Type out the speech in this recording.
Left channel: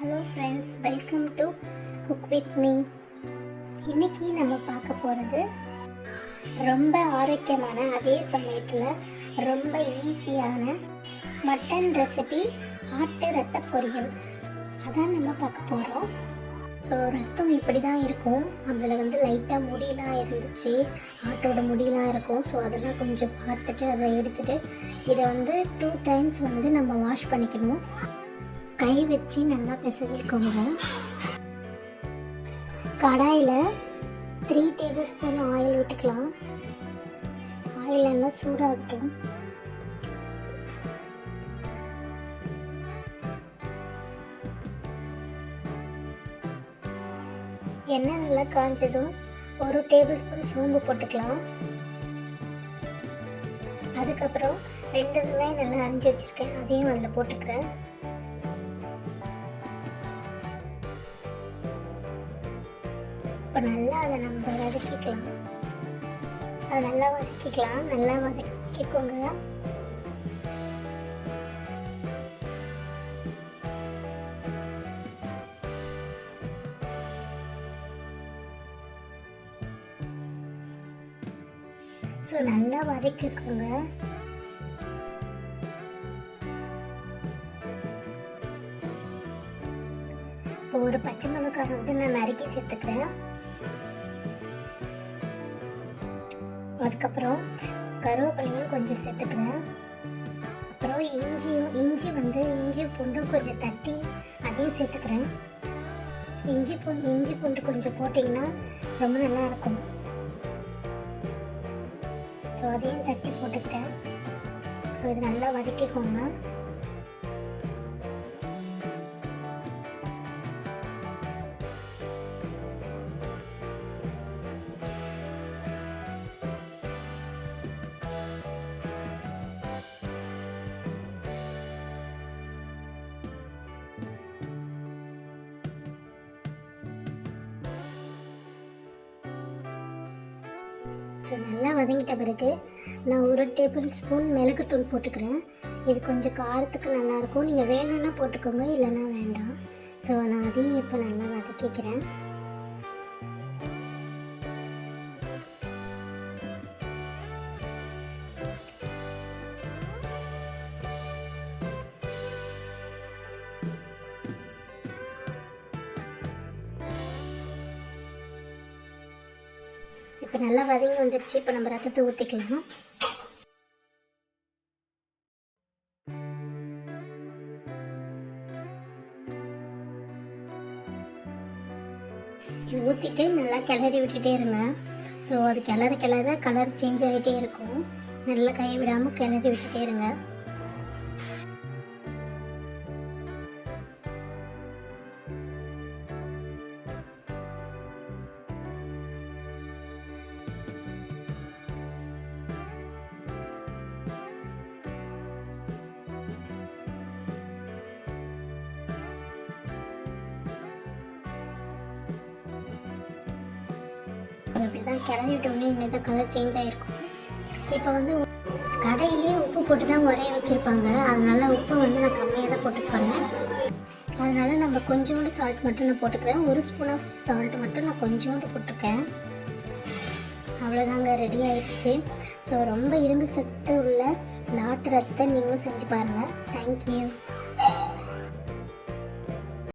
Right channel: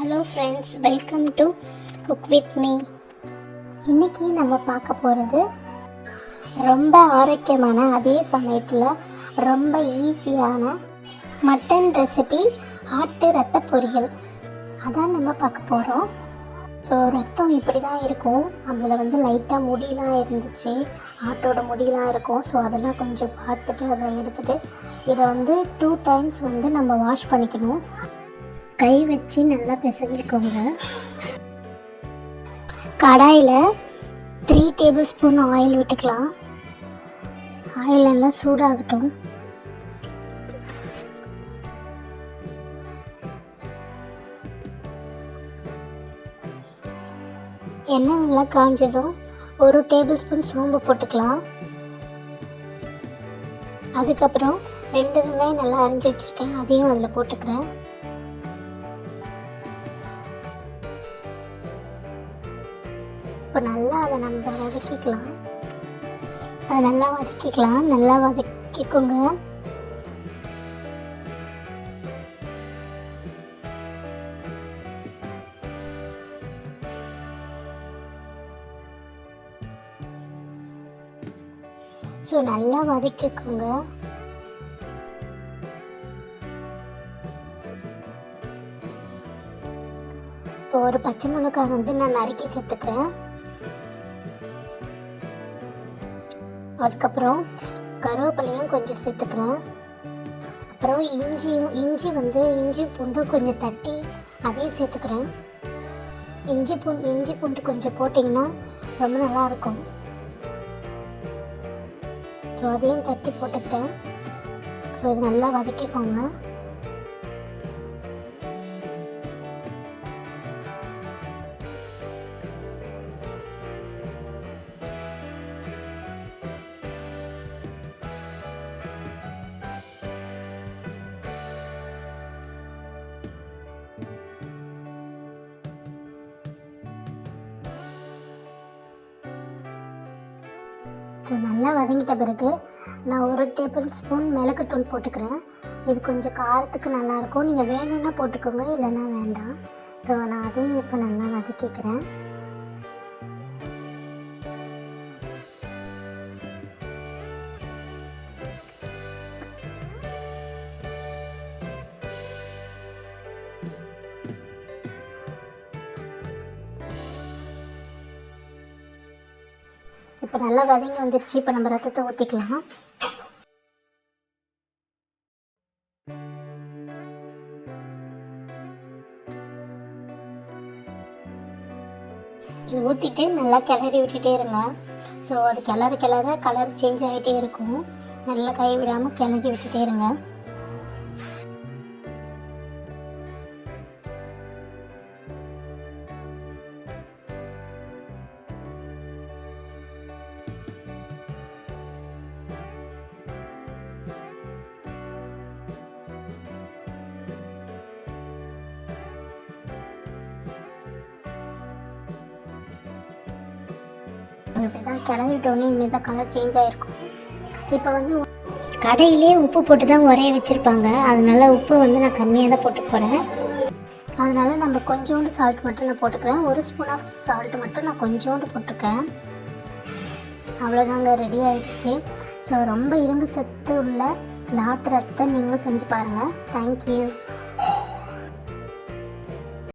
Hello friends, welcome to cook with me. இன்றைக்கி நம்ம பார்க்க போகிறது ரொம்ப ஆரோக்கியமான, அதே சமயத்தில் ரொம்ப ஈஸியான மட்டன் ரெசிபி, ஆட்டு ரத்த பொரியல். அதான் நம்ம பார்க்க போகிறோம். ஸோ ரத்தம் இப்படி தான் இருக்கும். அதில் லைட்டாக முடியெலாம் இருந்துச்சு, ஆட்டோட முடியெலாம் இருக்கும். ஸோ அதெல்லாம் கொஞ்சம் பார்த்துட்டு அதை எடுத்துகிட்டு இதை 2 டைம்ஸ் நம்ம வாஷ் பண்ணிக்கணும். கை வச்சு நல்லா பிசைஞ்சிக்கோங்க. கடாயில் 3 டேபிள் ஸ்பூன் ஆயில் விட்டுக்கலாம். ஆயில் நல்லா சூடாகட்டும். எண்ணெய் நல்லா காஞ்சதும் 1 டேபிள் ஸ்பூன் சோம்பு போட்டுக்கலாம். அதுக்கப்புறம் 2 வெங்காயம் நல்லா அரிஞ்சு வச்சுருக்கேன், அதையும் அதில் போட்டுக்கிறேன். இப்போ நல்லா அதை நம்ம வதக்கிக்கலாம். நல்லா வதக்கிக்கோங்க. ஸோ நல்லா வதக்கிக்கோங்க. இப்போ ஒரு பச்சை மிளகாய் நான் நறுக்கி சேர்த்துக்கிறேன். அதுக்கப்புறம் கருவேப்பிலையும் கொஞ்சம் சேர்த்துக்கிறேன். அப்புறம் இஞ்சி பூண்டும் கொஞ்சம் தட்டி அதையும் சேர்த்துக்கிறேன். இஞ்சி பூண்டு கொஞ்சம் போட்டிங்கன்னா ரொம்ப நல்லாயிருக்கும். ஸோ அதையும் தட்டி போட்டுக்கிட்டேன். ஸோ இது நல்லா வதக்கிக்கோங்க. ஸோ நல்லா வதங்கிட்ட பிறகு நான் 1 டேபிள் ஸ்பூன் மிளகுத்தூள் போட்டுக்கிறேன். இது கொஞ்சம் காரத்துக்கு நல்லாயிருக்கும். நீங்கள் வேணும்னா போட்டுக்கோங்க, இல்லைன்னா வேண்டாம். ஸோ நான் அதையும் இப்போ நல்லா வதக்கிக்கிறேன். இப்போ நல்லா வதங்கி வந்துடுச்சு. இப்போ நம்ம ரத்தத்தை ஊற்றிக்கலாம். இது ஊற்றிட்டு நல்லா கிளறி விட்டுட்டே இருங்க. ஸோ அது கிளற கலர் சேஞ்ச் ஆகிட்டே இருக்கும். நல்லா கை விடாமல் கிளறி விட்டுட்டே இருங்க. இப்படி தான் கிளறிட்டோன்னே இனிமேல் தான் கலர் சேஞ்ச் ஆகிருக்கும். இப்போ கடையிலே உப்பு போட்டு தான் உரைய வச்சுருப்பாங்க. அதனால் உப்பு நான் கம்மியாக தான் போட்டு போகிறேன். அதனால் நம்ம கொஞ்சோண்டு சால்ட் மட்டும் நான் போட்டுக்கிறேன். 1 ஸ்பூன் ஆஃப் சால்ட் மட்டும் நான் கொஞ்சோண்டு போட்டிருக்கேன். அவ்வளோதாங்க, ரெடி ஆகிடுச்சு. ஸோ ரொம்ப இரும்பு சத்து உள்ள இந்த ஆட்டு ரத்தை நீங்களும் செஞ்சு பாருங்கள். தேங்க்யூ.